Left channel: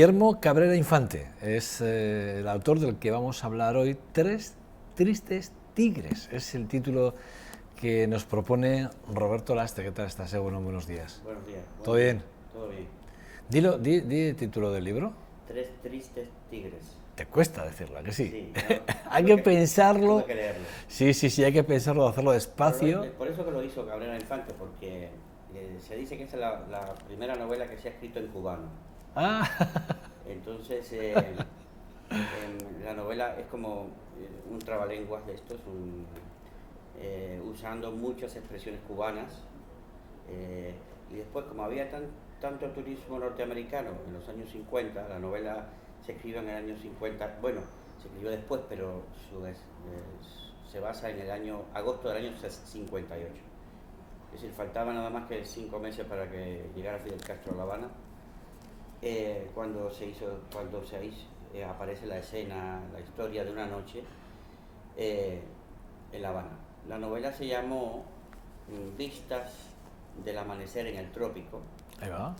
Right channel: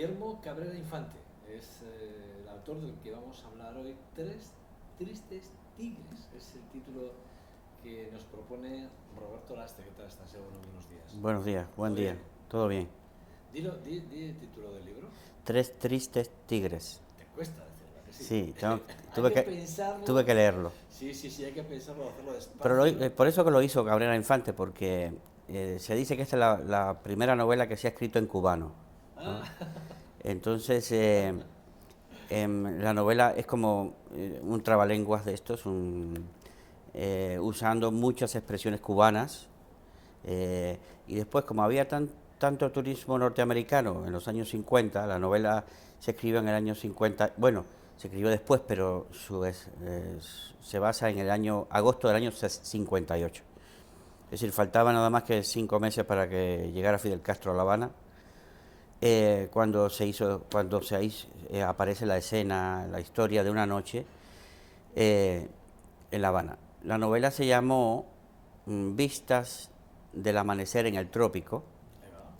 Guillermo Cabrera Infante es el autor del que vamos a hablar hoy. Tres tristes tigres es el título que nos propone Roberto Lastre. ¿Qué tal estás? Bueno, buenos días. Buenos días. ¿Todo bien? Todo bien. Di el título del libro. Tres tristes tigres. Te cuesta decirlo, ¿a que sí? Sí, Hay que pensarlo. Tuve que leerlo. Sí, hay que pensarlo, hacerlo despacio. Por eso que lo hizo Cabrera Infante, porque se dice que esta es la primera novela que se ha escrito en cubano. Ah. Entonces, la novela es como un trabalenguas de estos, usando muchas expresiones cubanas. Y después, como había tanto turismo norteamericano en los años 50, la novela se escribió en el año 50, bueno, se escribió después, pero se basa en el año agosto del año 58. Es decir, faltaba nada más que 5 meses para que llegara Fidel Castro a La Habana. Cuando aparece la escena, la historia de una noche en La Habana. La novela se llamó Vistas del amanecer en el trópico. Ahí va.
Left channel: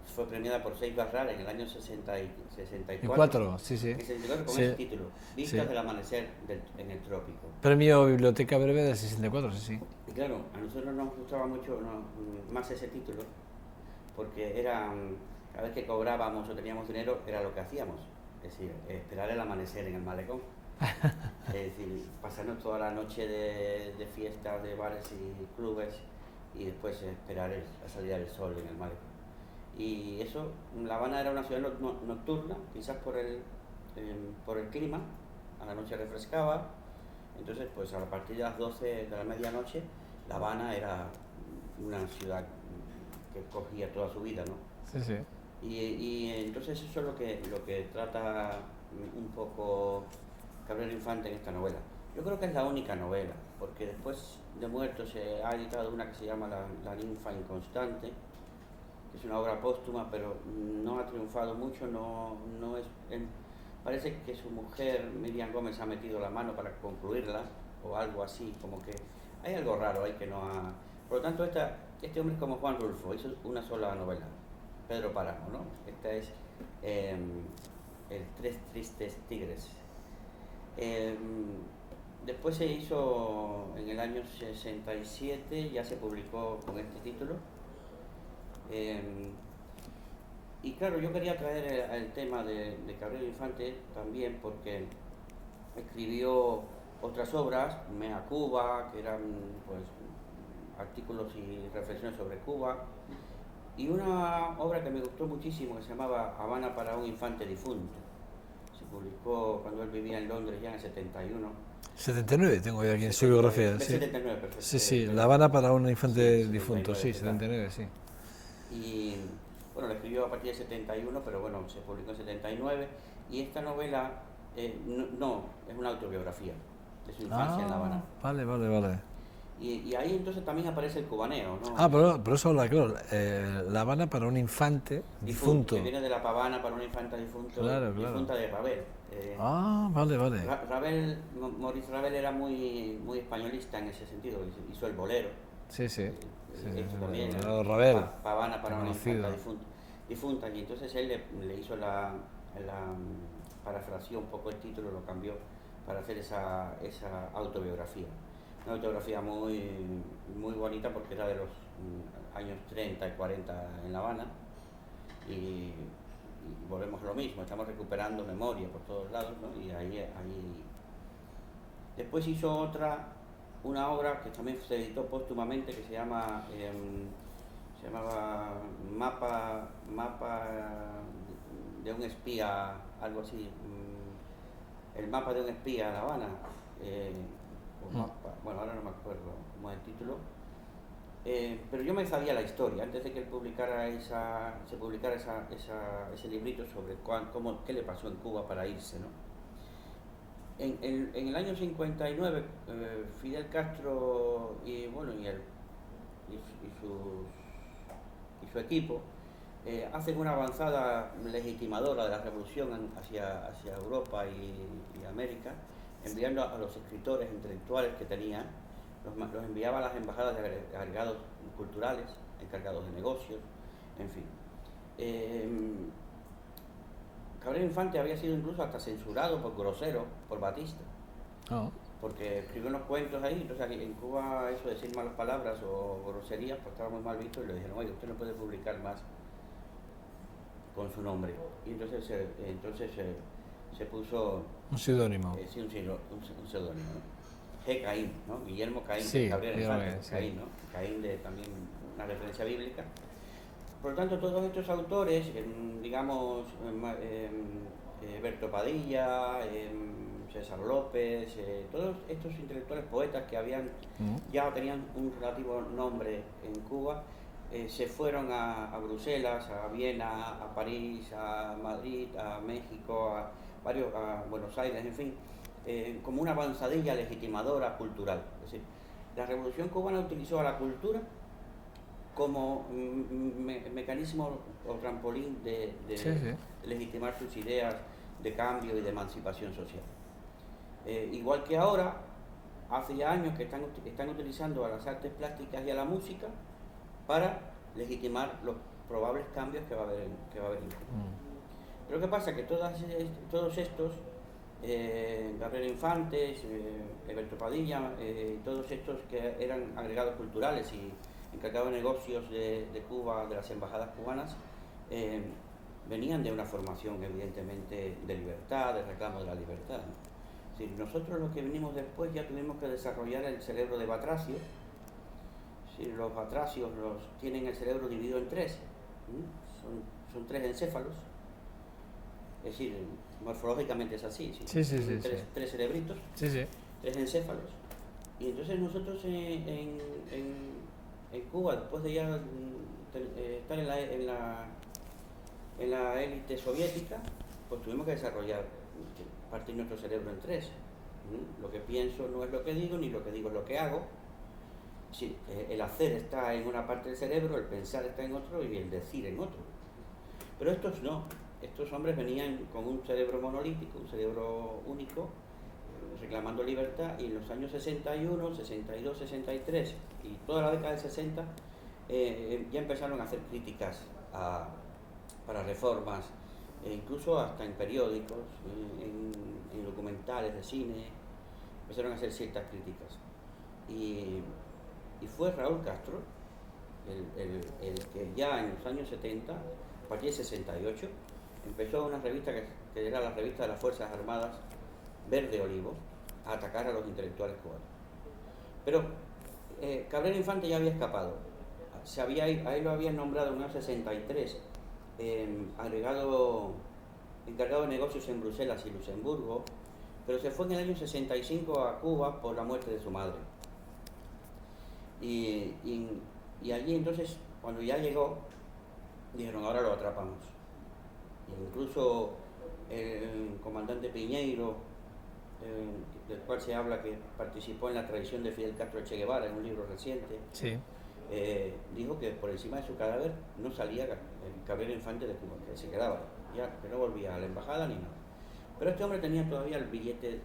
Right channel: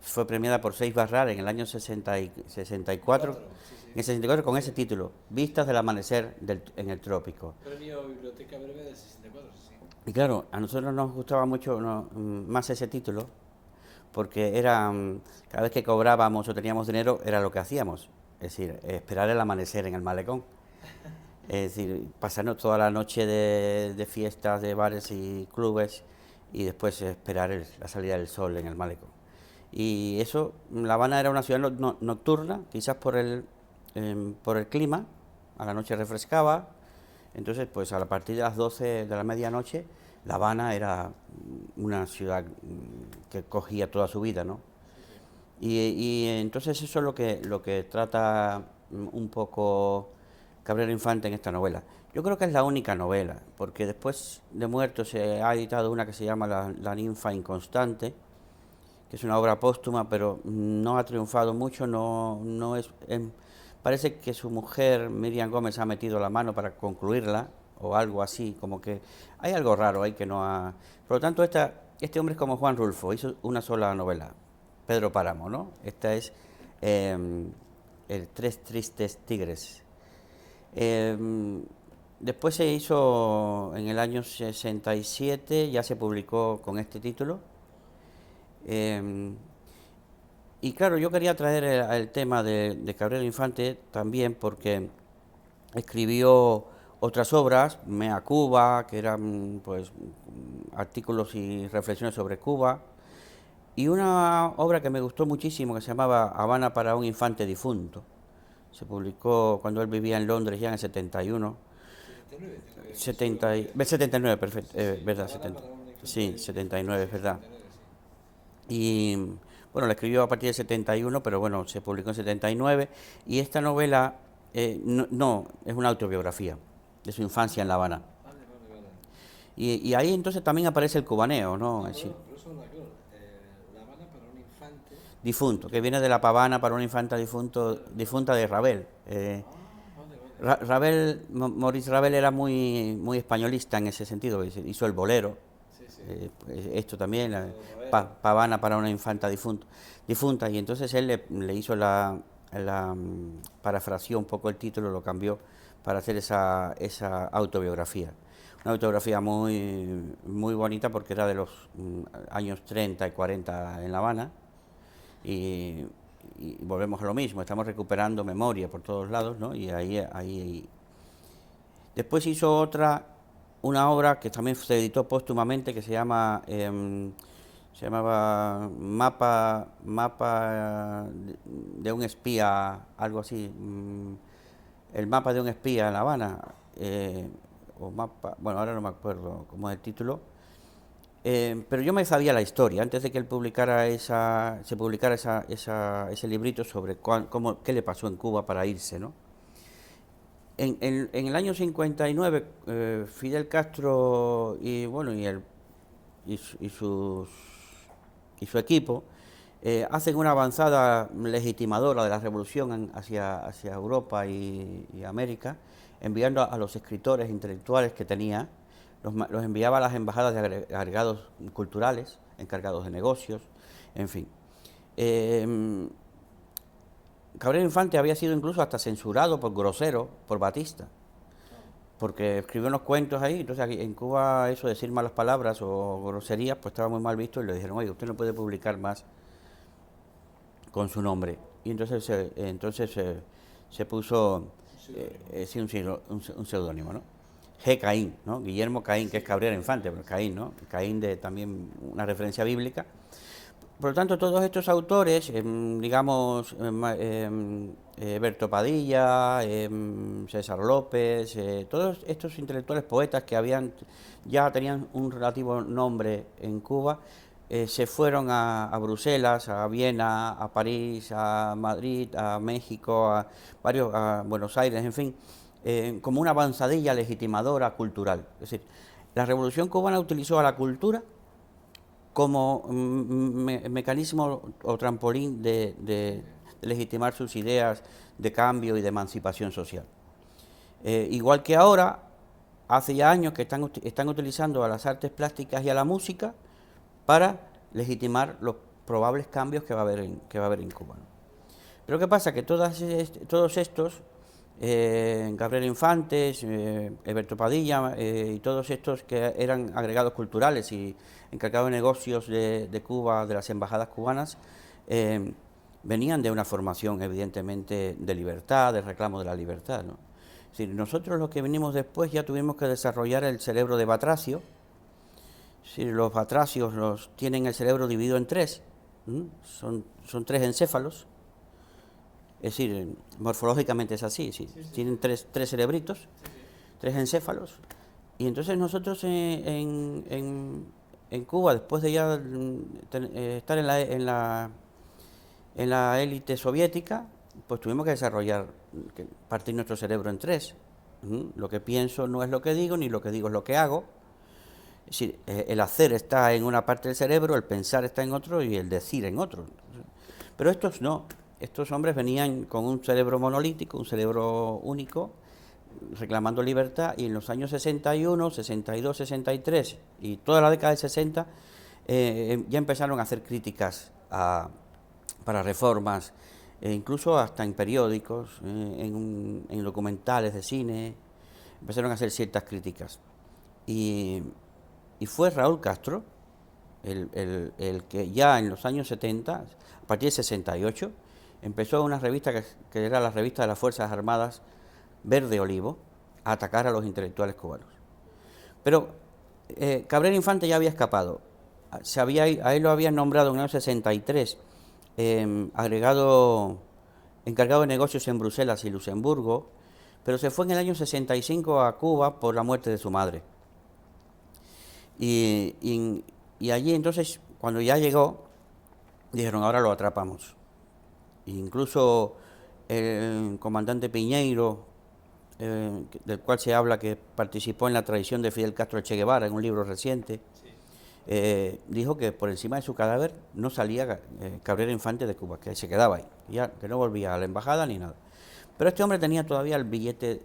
Fue premiada por Seis Barral en el año 64. Sí. En el 64 con Sí. ese título, Vistas Sí. del amanecer en el trópico. Premio Biblioteca Breve del 64, sí. Y claro, a nosotros nos gustaba mucho más ese título, porque era, cada vez que cobrábamos o teníamos dinero, era lo que hacíamos. Es decir, esperar el amanecer en el malecón. Es decir, pasarnos toda la noche de fiestas, de bares y clubes, y después esperar la salida del sol en el malecón. Y eso, La Habana era una ciudad nocturna, quizás por el clima, a la noche refrescaba. Entonces, pues a partir de las 12 de la medianoche, La Habana era una ciudad que cogía toda su vida, ¿no? Sí. Y entonces eso es lo que trata un poco Cabrera Infante en esta novela. Yo creo que es la única novela, porque después de muerto se ha editado una que se llama La ninfa inconstante, que es una obra póstuma, pero no ha triunfado mucho, parece que su mujer, Miriam Gómez, ha metido la mano para concluirla, o algo así, como que hay algo raro ahí que no ha... Por lo tanto, este hombre es como Juan Rulfo, hizo una sola novela, Pedro Páramo, ¿no? Esta es el Tres tristes tigres. Después se hizo en el año 67, ya se publicó con este título. Y claro, yo quería traer el tema de Cabrera Infante también porque escribió otras obras, Mea Cuba, que eran pues artículos y reflexiones sobre Cuba, y una obra que me gustó muchísimo que se llamaba Habana para un infante difunto. Se publicó cuando él vivía en Londres ya en el 71. 79 tengo yo aquí en su biografía. 79, perfecto. Sí, La Habana para un infante sí, 79, difunto. Sí, 79, sí. Y bueno, la escribió a partir del 71, pero bueno, se publicó en 79. Y esta novela no, es una autobiografía de su infancia en La Habana. Vale. Y ahí entonces también aparece el cubaneo, ¿no? Pero eso habla, claro, La Habana para un infante difunto, que viene de la pavana para una infanta difunta de Ravel. Vale. Ravel, Maurice Ravel era muy españolista en ese sentido, hizo el bolero. Sí. Esto también, pavana para una infanta difunta, y entonces él le hizo parafraseó un poco el título, lo cambió para hacer esa autobiografía. Una autobiografía muy bonita porque era de los años 30 y 40 en La Habana, y volvemos a lo mismo, estamos recuperando memoria por todos lados, ¿no? Y ahí. Después hizo una obra que también se editó póstumamente, que se llamaba Mapa de un espía, algo así, el mapa de un espía en La Habana, bueno, ahora no me acuerdo cómo es el título, pero yo me sabía la historia antes de que él publicara ese librito sobre qué le pasó en Cuba para irse, ¿no? En el año 59, Fidel Castro y su equipo hacen una avanzada legitimadora de la revolución hacia Europa y América, enviando a los escritores intelectuales que tenía, los enviaba a las embajadas de agregados culturales, encargados de negocios, en fin. Cabrera Infante había sido incluso hasta censurado por grosero por Batista, No. porque escribió unos cuentos ahí. Entonces aquí en Cuba eso de decir malas palabras o groserías pues estaba muy mal visto, y le dijeron, oye, usted no puede publicar más con su nombre. Y entonces se puso Un seudónimo. sí, un seudónimo, ¿no? G. Caín, ¿no? Guillermo Caín, Sí, que es Cabrera Guillermo Infante, Caín, pues sí. Caín, ¿no? Caín de también una referencia bíblica. Por lo tanto, todos estos autores, digamos, Berto Padilla, César López, todos estos intelectuales poetas que ya tenían un relativo nombre en Cuba, se fueron a Bruselas, a Viena, a París, a Madrid, a México, a Buenos Aires, en fin, como una avanzadilla legitimadora cultural. Es decir, la Revolución Cubana utilizó a la cultura como mecanismo o trampolín de legitimar sus ideas de cambio y de emancipación social. Igual que ahora, hace ya años que están utilizando a las artes plásticas y a la música para legitimar los probables cambios que va a haber en Cuba. Pero ¿qué pasa? Que todos estos, Gabriel Infantes, Alberto Padilla, y todos estos que eran agregados culturales y encargados de negocios de Cuba, de las embajadas cubanas, venían de una formación evidentemente de libertad, de reclamo de la libertad, ¿no? Es decir, nosotros los que venimos después ya tuvimos que desarrollar el cerebro de Batracio. Es decir, los batracios tienen el cerebro dividido en tres, son tres encéfalos. Es decir, morfológicamente es así, ¿sí? Tienen tres cerebritos, tres encéfalos. Y entonces nosotros en Cuba, después de ya estar en la élite soviética, pues tuvimos que desarrollar, partir nuestro cerebro en tres. Lo que pienso no es lo que digo, ni lo que digo es lo que hago. Es decir, el hacer está en una parte del cerebro, el pensar está en otro y el decir en otro. Pero estos no. Estos hombres venían con un cerebro monolítico, un cerebro único, reclamando libertad, y en los años 61, 62, 63 y toda la década del 60 ya empezaron a hacer críticas para reformas, incluso hasta en periódicos, en documentales de cine, empezaron a hacer ciertas críticas. Y fue Raúl Castro el que ya en los años 70, a partir de 68, empezó una revista que era la revista de las Fuerzas Armadas, Verde Olivo, a atacar a los intelectuales cubanos. Pero Cabrera Infante ya había escapado. A él lo habían nombrado en el año 63 encargado de negocios en Bruselas y Luxemburgo, pero se fue en el año 65 a Cuba por la muerte de su madre. Y allí entonces, cuando ya llegó, dijeron, ahora lo atrapamos. Incluso el comandante Piñeiro, del cual se habla que participó en la traición de Fidel Castro a Che Guevara en un libro reciente, dijo que por encima de su cadáver no salía Cabrera Infante de Cuba, que se quedaba ahí, ya, que no volvía a la embajada ni nada. Pero este hombre tenía todavía el billete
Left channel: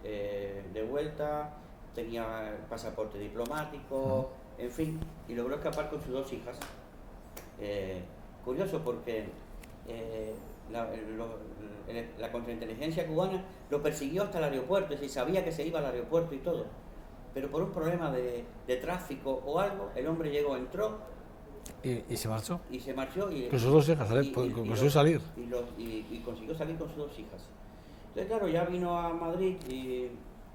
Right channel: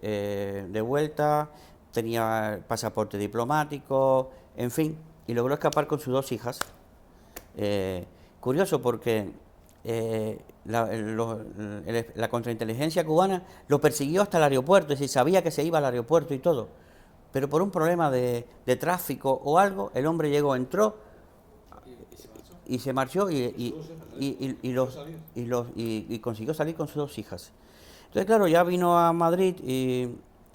de vuelta, tenía el pasaporte diplomático, en fin, y logró escapar con sus dos hijas. Curioso porque la contrainteligencia cubana lo persiguió hasta el aeropuerto, es decir, sabía que se iba al aeropuerto y todo, pero por un problema de tráfico o algo, el hombre llegó, entró ¿Y se marchó? y se marchó con sus dos hijas, consiguió salir. Y consiguió salir con sus dos hijas. Entonces, claro, ya vino a Madrid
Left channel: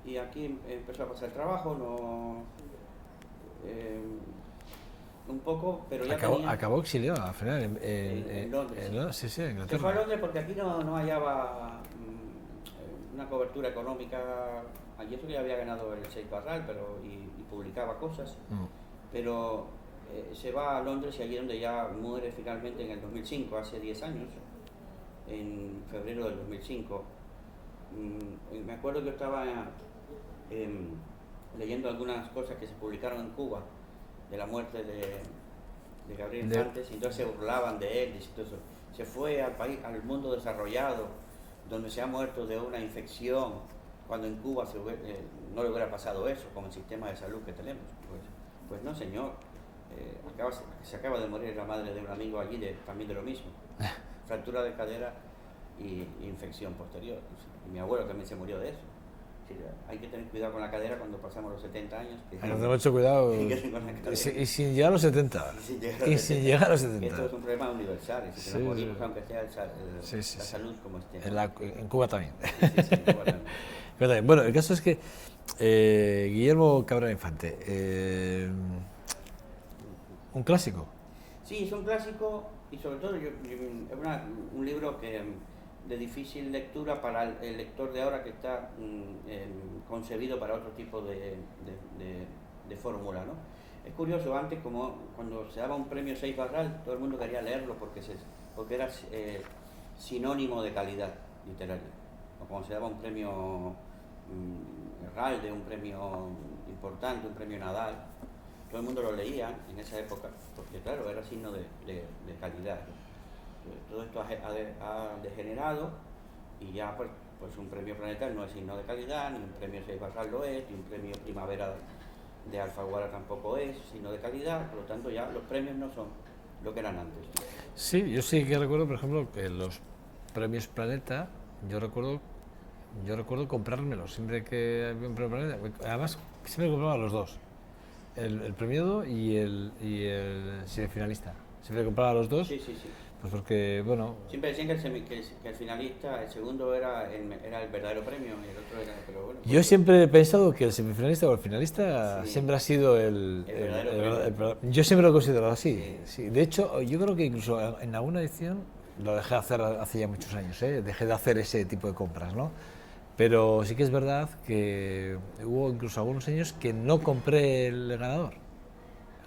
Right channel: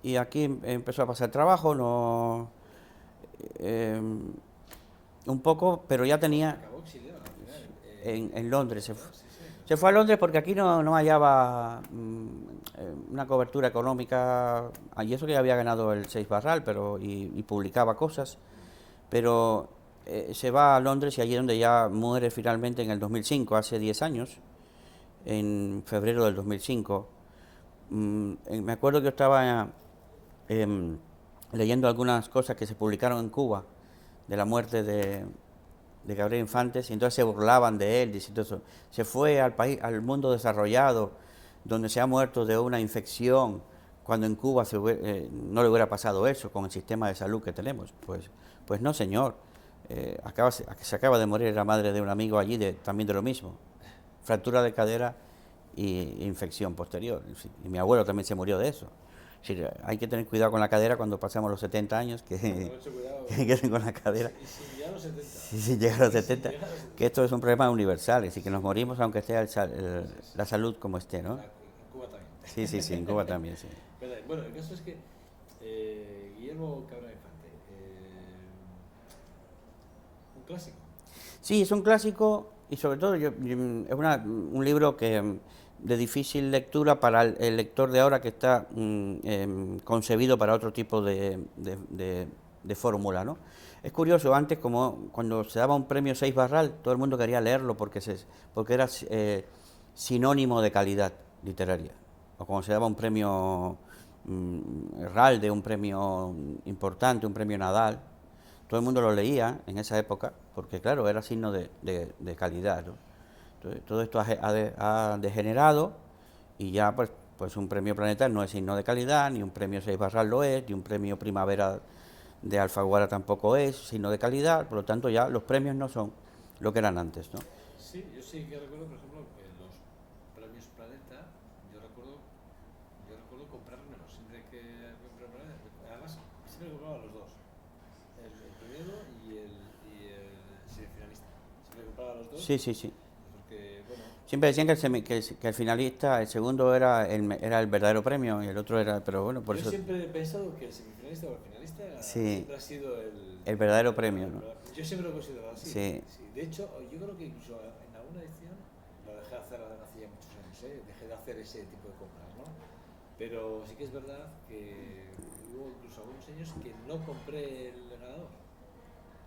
y aquí empezó a pasar trabajo, un poco, pero ya Acabó exiliado al final en Londres. Sí, Se fue a Londres porque aquí no hallaba una cobertura económica, y eso que ya había ganado el Seis Barral, y publicaba cosas, pero se va a Londres, y allí es donde ya muere finalmente en el 2005, hace 10 años, en febrero del 2005. Me acuerdo que yo estaba leyendo algunas cosas que se publicaron en Cuba de la muerte de Gabriel Infantes, y entonces se burlaban de él, diciendo eso. Se fue al país, al mundo desarrollado, donde se ha muerto de una infección, cuando en Cuba no le hubiera pasado eso con el sistema de salud que tenemos. Pues no, señor. Se acaba de morir la madre de un amigo allí, también de lo mismo. Fractura de cadera e infección posterior. Y mi abuelo también se murió de eso. Es decir, hay que tener cuidado con la cadera cuando pasamos los 70 años. Que Tenemos mucho cuidado. con la cadera. Y sin llegar a los 70. Y sin llegar a los 70. Sin llegar a los 70. Que esto es un problema universal, es decir, que nos Sí. morimos aunque esté la salud como esté, ¿no? En Cuba también. Sí, en Cuba también. Sí. Cuba también. Bueno, el caso es que Guillermo Cabrera Infante, un clásico. Sí, es un clásico y sobre todo es un libro que de difícil lectura para el lector de ahora, que está concebido para otro tipo de fórmula, ¿no? Es curioso, antes, como cuando se daba un premio Seix Barral, todo el mundo quería leerlo porque era sinónimo de calidad literaria. O cuando se daba un premio Ralde, un premio importante, un premio Nadal, todo el mundo lo leía en esa época porque, claro, era signo de calidad, ¿no? Entonces, todo esto ha degenerado y ya pues un premio Planeta no es signo de calidad, ni un premio Seix Barral lo es, ni un premio Primavera de Alfaguara tampoco es signo de calidad. Por lo tanto, ya los premios no son lo que eran antes, ¿no? Sí, yo sí que recuerdo, por ejemplo, que los premios Planeta, yo recuerdo comprármelos siempre que había un premio Planeta. Además, siempre compraba los dos, el premiado y el semifinalista. Siempre compraba los dos. Sí. Pues porque, bueno... Siempre decían que el finalista, el segundo era el verdadero premio y el otro era... Pero bueno, yo siempre he pensado que el semifinalista o el finalista siempre ha sido el verdadero premio. ¿No? Yo siempre lo he considerado así. Sí. Sí. De hecho, yo creo que incluso en alguna edición, lo dejé de hacer hace ya muchos años, dejé de hacer ese tipo de compras, ¿no? Pero sí que es verdad que hubo incluso algunos años que no compré el ganador.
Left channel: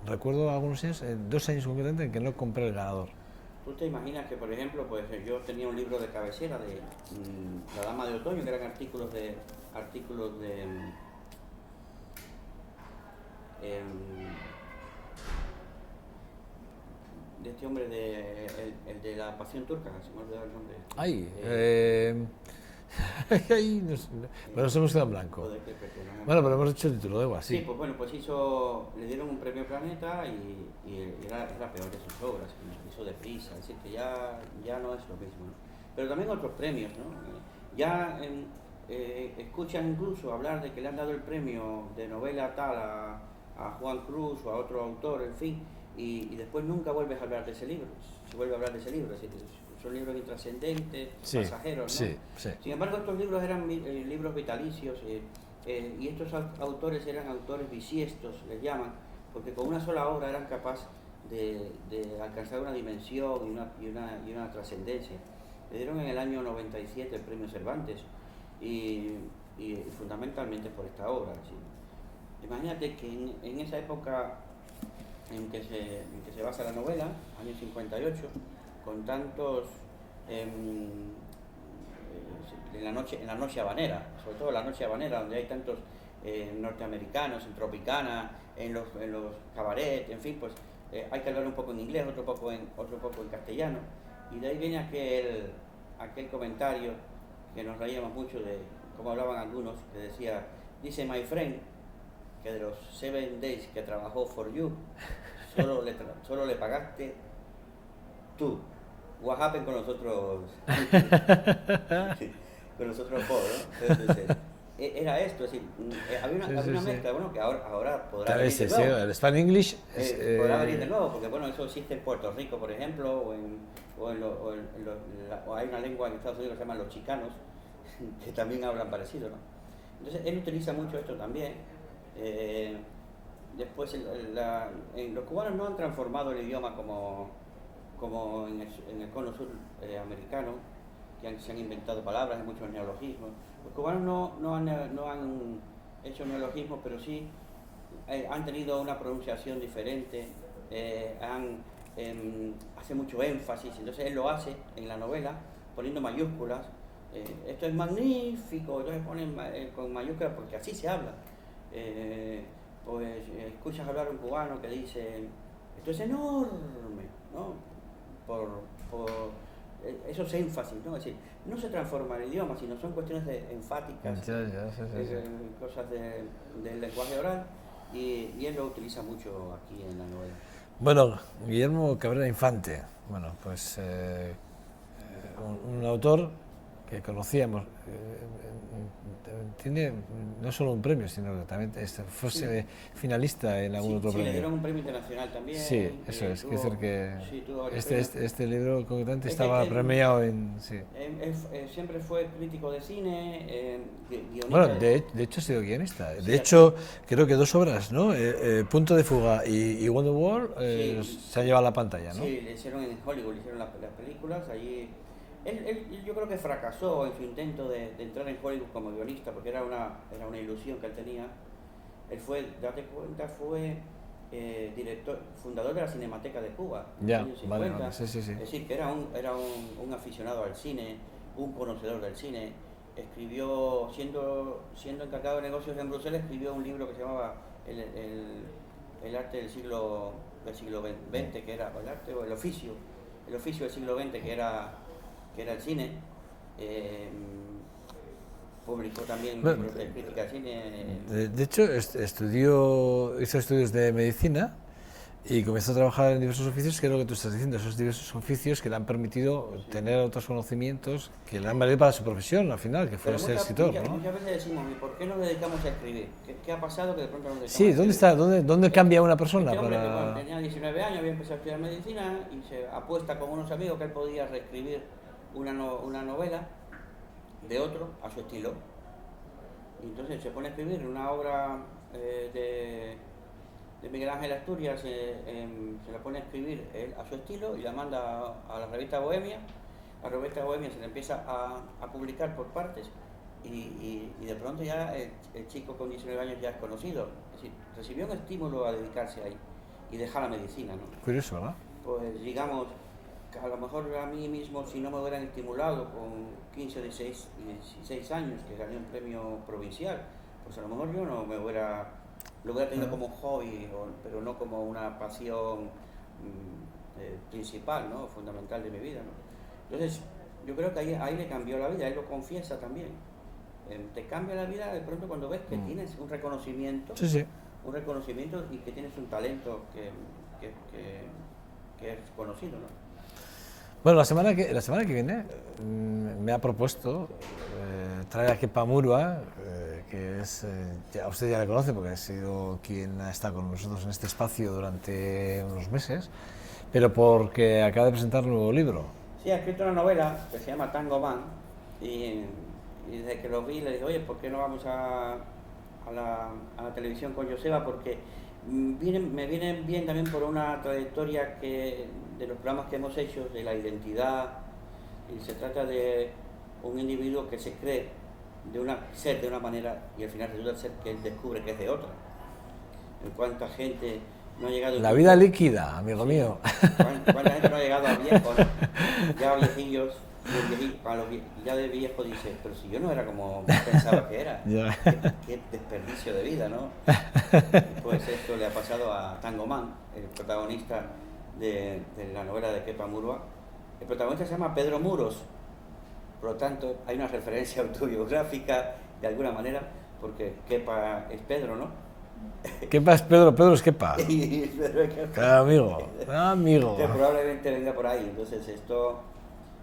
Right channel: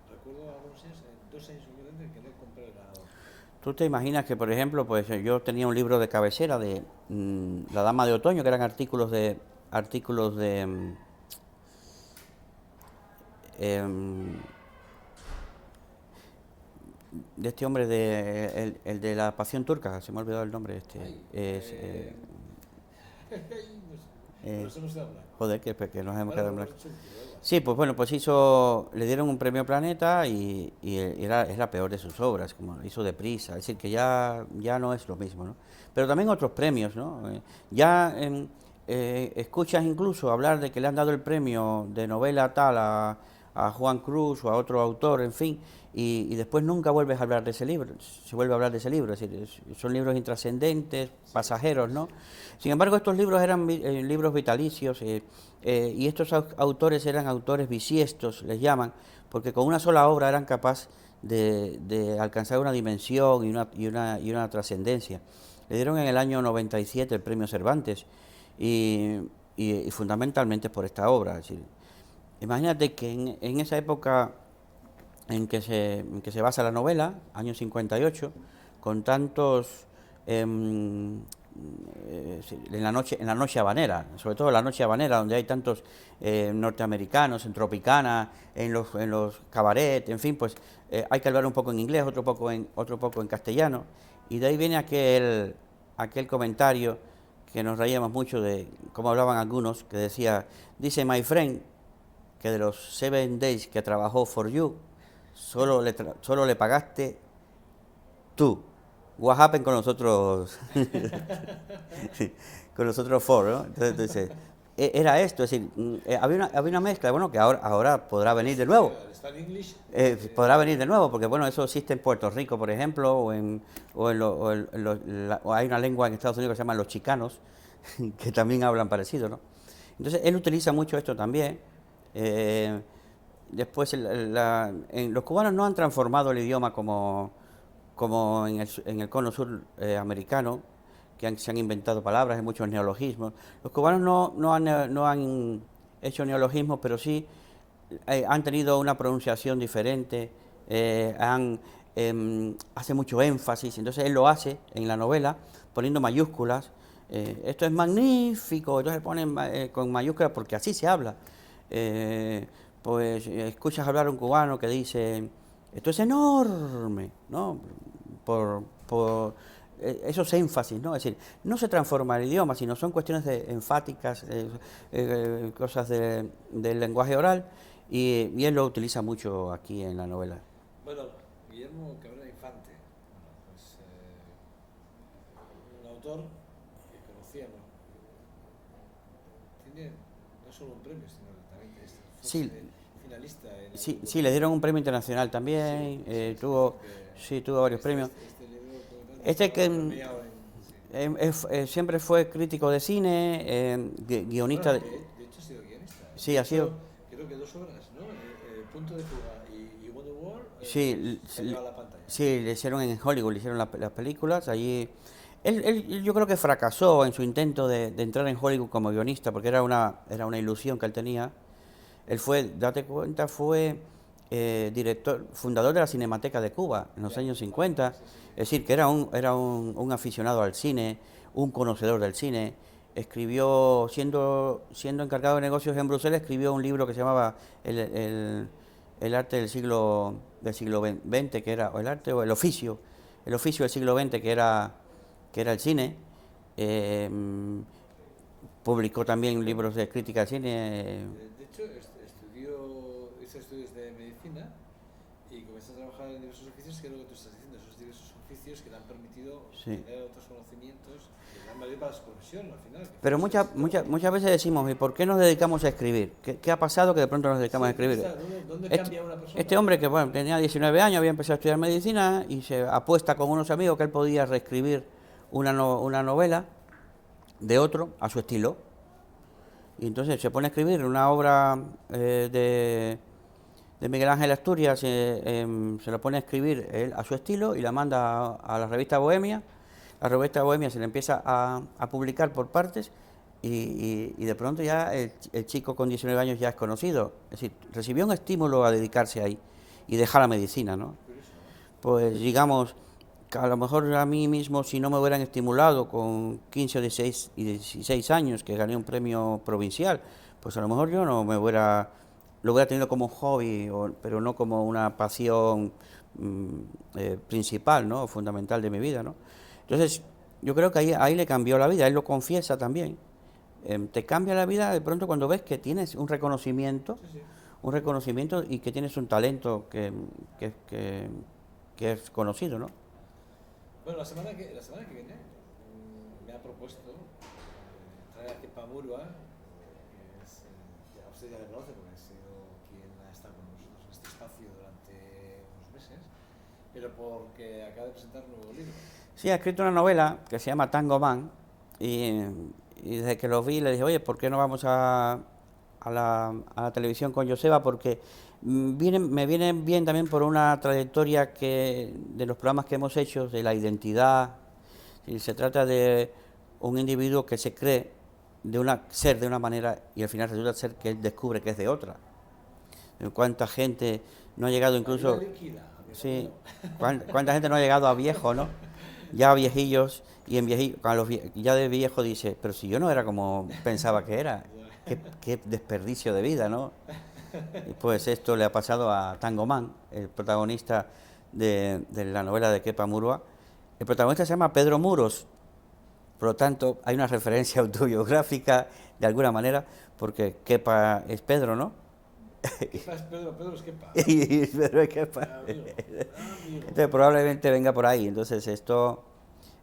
Recuerdo algunos años, 2 años concretamente, en que no compré el ganador. ¿Tú te imaginas que, por ejemplo, pues yo tenía un libro de cabecera de La Dama de Otoño, que eran artículos de este hombre el de la Pasión Turca, se me ha olvidado el nombre. Ahí nos hemos quedado en blanco. Joder, que nos hemos pero hemos hecho el título, da igual. Sí, pues bueno, pues le dieron un premio Planeta y es la peor de sus obras, como hizo deprisa, es decir, que ya no es lo mismo, ¿no? Pero también otros premios, ¿no? Escuchas incluso hablar de que le han dado el premio de novela tal a Juan Cruz o a otro autor, en fin, y después nunca vuelves a hablar de ese libro, se vuelve a hablar de ese libro, es decir, son libros intrascendentes, pasajeros, ¿no? Sí. Sin embargo, estos libros eran libros vitalicios y estos autores eran autores bisiestos, les llaman, porque con una sola obra eran capaces de alcanzar una dimensión y una trascendencia. Le dieron en el año 97 el premio Cervantes y fundamentalmente por esta obra. Es decir, imagínate que en esa época en que se basa la novela, año 58, con tantos en la noche habanera, sobre todo en la noche habanera, donde hay tantos norteamericanos, en Tropicana, en los cabaret, en fin, pues hay que hablar un poco en inglés, otro poco en castellano, y de ahí viene aquel comentario que nos reíamos mucho de cómo hablaban algunos, que dice my friend, que de los 7 days que trabajó for you, solo le pagaste tú. What happened con nosotros? Con nosotros four, ¿no? Entonces, era esto, es decir, había una mezcla, bueno, que ahora podrá venir de nuevo. El Spanish English podrá venir de nuevo, porque bueno, eso existe en Puerto Rico, por ejemplo, o hay una lengua en Estados Unidos que se llama los chicanos, que también hablan parecido, ¿no? Entonces, él utiliza mucho esto también. Después, los cubanos no han transformado el idioma como en el cono sur americano, que se han inventado palabras, hay muchos neologismos. Los cubanos no han hecho neologismos, pero sí han tenido una pronunciación diferente, hace mucho énfasis, entonces él lo hace en la novela poniendo mayúsculas. Esto es magnífico, entonces ponen con mayúsculas porque así se habla. Pues escuchas hablar a un cubano que dice, esto es enorme, ¿no? Por esos énfasis, ¿no? Es decir, no se transforma el idioma, sino son cuestiones enfáticas, cosas del lenguaje oral, y él lo utiliza mucho aquí en la novela. Bueno, Guillermo Cabrera Infante, bueno, pues un autor que conocíamos, tiene no solo un premio, sino que también fue finalista en algún otro sí, premio. le dieron un premio internacional también. Sí, eso es, tuvo, tuvo varios premios. Este libro concretamente estaba premiado en... Sí. Siempre fue crítico de cine, guionista. Bueno, de hecho ha sido guionista. Sí, de hecho, creo que 2 obras, ¿no? Punto de fuga y Wonderworld se han llevado a la pantalla, ¿no? Sí, le hicieron en Hollywood, le hicieron las películas. Allí él yo creo que fracasó en su intento de entrar en Hollywood como guionista, porque era una ilusión que él tenía. Él fue, date cuenta, fue fundador de la Cinemateca de Cuba en los años 50. Bueno, sí. Es decir, que era un aficionado al cine, un conocedor del cine. Escribió, siendo encargado de negocios en Bruselas, escribió un libro que se llamaba El arte del siglo XX, que era, o el arte o el oficio del siglo XX, que era el cine. Publicó también libros de crítica al cine. De hecho, hizo estudios de medicina y comenzó a trabajar en diversos oficios, que es lo que tú estás diciendo, esos diversos oficios que le han permitido tener otros conocimientos que le han valido para su profesión al final, que fue Pero ser escritor, ¿no? muchas veces decimos, ¿y por qué nos dedicamos a escribir? ¿Qué ha pasado que de pronto nos dedicamos a escribir? ¿Dónde cambia una persona? Este hombre que bueno, tenía 19 años, había empezado a estudiar medicina y se apuesta con unos amigos que él podía reescribir una novela de otro a su estilo. Y entonces se pone a escribir una obra de Miguel Ángel Asturias, se la pone a escribir él a su estilo y la manda a la revista Bohemia. La revista Bohemia se le empieza a publicar por partes y de pronto ya el chico con 19 años ya es conocido. Es decir, recibió un estímulo a dedicarse ahí y dejar la medicina, ¿no? Curioso, ¿verdad? Pues digamos, a lo mejor a mí mismo, si no me hubieran estimulado con 15 o 16 años, que gané un premio provincial, pues a lo mejor yo no lo hubiera tenido como hobby, pero no como una pasión principal, ¿no? Fundamental de mi vida, ¿no? Entonces, yo creo que ahí le cambió la vida, él lo confiesa también. Te cambia la vida de pronto cuando ves que tienes un reconocimiento, y que tienes un talento que es conocido, ¿no? Bueno, la semana que viene me ha propuesto traer a Kepa Murua, que es, usted ya le conoce porque ha sido quien ha estado con nosotros en este espacio durante unos meses, pero porque acaba de presentar un nuevo libro. Sí, ha escrito una novela que se llama Tango Man y desde que lo vi le dije, oye, ¿por qué no vamos a la televisión con Joseba? Porque me viene bien también por una trayectoria de los programas que hemos hecho, de la identidad. Y se trata de un individuo que se cree ser de una manera y al final resulta ser que él descubre que es de otra. ¿Cuánta gente no ha llegado incluso... La vida líquida, amigo mío. ¿Cuánta gente no ha llegado a viejo, ¿no? Ya a viejillos, y el viejillo, ya de viejo dice, pero si yo no era como pensaba que era, qué desperdicio de vida, ¿no? Pues esto le ha pasado a Tango Man, el protagonista de la novela de Kepa Murua. El protagonista se llama Pedro Muros, por lo tanto hay una referencia autobiográfica de alguna manera, porque Kepa es Pedro, ¿no? Kepa es Pedro, Pedro es Kepa. Y Pedro es Kepa. Amigo. Entonces, probablemente venga por ahí, entonces esto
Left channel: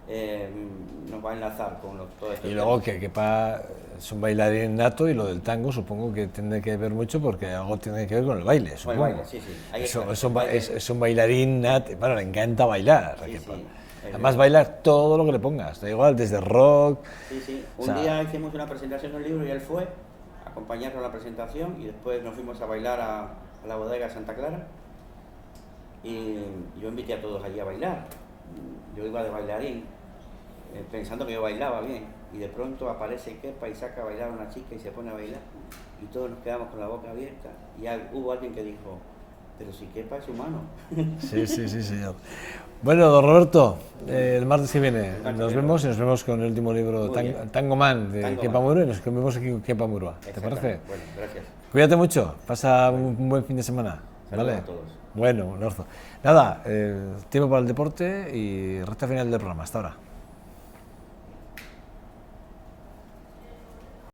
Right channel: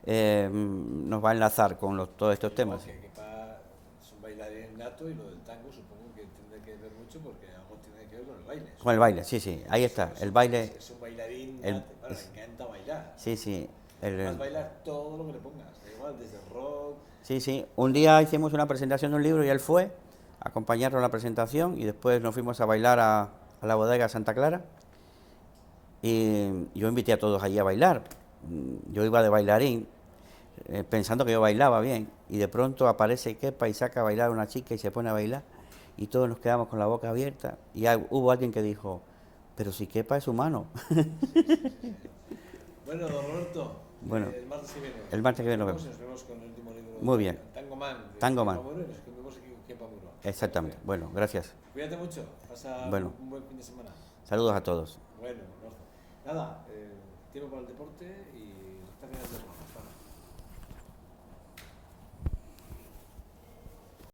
nos va a enlazar con todos estos temas. Y luego que Kepa es un bailarín nato y lo del tango supongo que tiene que ver mucho porque algo tiene que ver con el baile. Con el baile, sí, ahí está. Es un bailarín nato, bueno, le encanta bailar. Sí. Además bailar todo lo que le pongas, da igual, desde rock... Sí. Un día hicimos una presentación de un libro y él fue a acompañarnos a la presentación y después nos fuimos a bailar a la bodega Santa Clara y yo invité a todos allí a bailar. Yo iba de bailarín pensando que yo bailaba bien y de pronto aparece Kepa y saca a bailar a una chica y se pone a bailar y todos nos quedamos con la boca abierta y hubo alguien que dijo, pero si Kepa es humano. Sí, señor. Bueno, don Roberto, el martes que viene nos vemos con el último libro Tango Man de Kepa Murua y nos vemos aquí con Kepa Murua. ¿Te parece? Bueno, gracias. Cuídate mucho, pasa un buen fin de semana. Saludos a todos. Bueno, un abrazo. Nada, tiempo para el deporte y recta final del programa. Hasta ahora.